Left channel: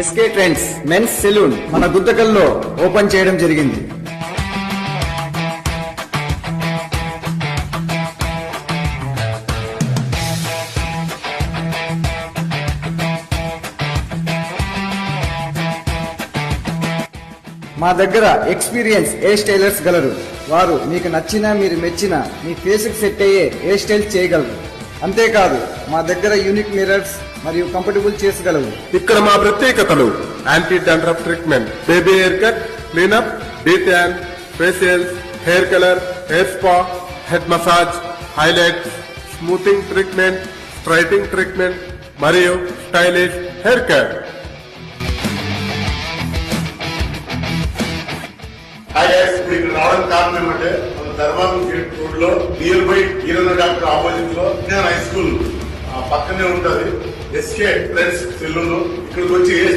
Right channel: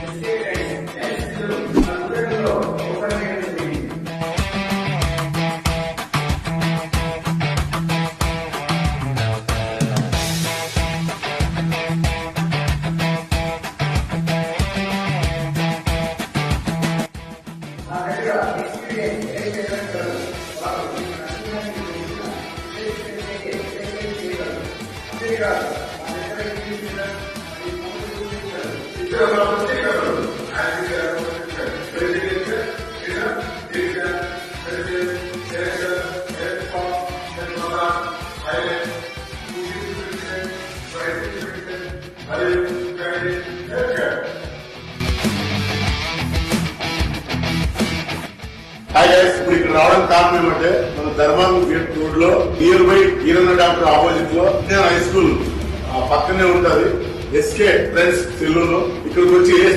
SK trends men's salon మన గుంతకల్లో open చేయడం జరిగింది. మా దగ్గర ఎక్స్పీరియన్స్ హెయిర్ స్టైలర్స్ గలరు. వారు మీకు నచ్చిన, మీరు మెచ్చిన, మీ ఫేస్ కి సెట్ అయ్యే హెయిర్ స్టైల్ చేయగలరు. అంతేకాదు మా దగ్గర యూనిక్ మిర్రర్స్ మరియు కంఫర్టబుల్ చేసుకోగలరు. ఇక్కడ మా ప్రత్యేకతలు anti dandruff treatment, baby hair cut, cleanup, detan, facials, hair colour, hair spa, head massage, highlight, smoothing treatment, straightening treatment మరియు stylish hair cut. Hi guys, మీకు రావడం కారణం ఏమంటే మన ధర్మారం గేట్ రోడ్ లో నియర్ బై హీరోగా డాక్టర్ ఆపోజిట్ లో high school పక్కనే ఉంటుంది. ఎస్కే ఫ్రెండ్స్ తెలుగు ఇక్కడికి వచ్చి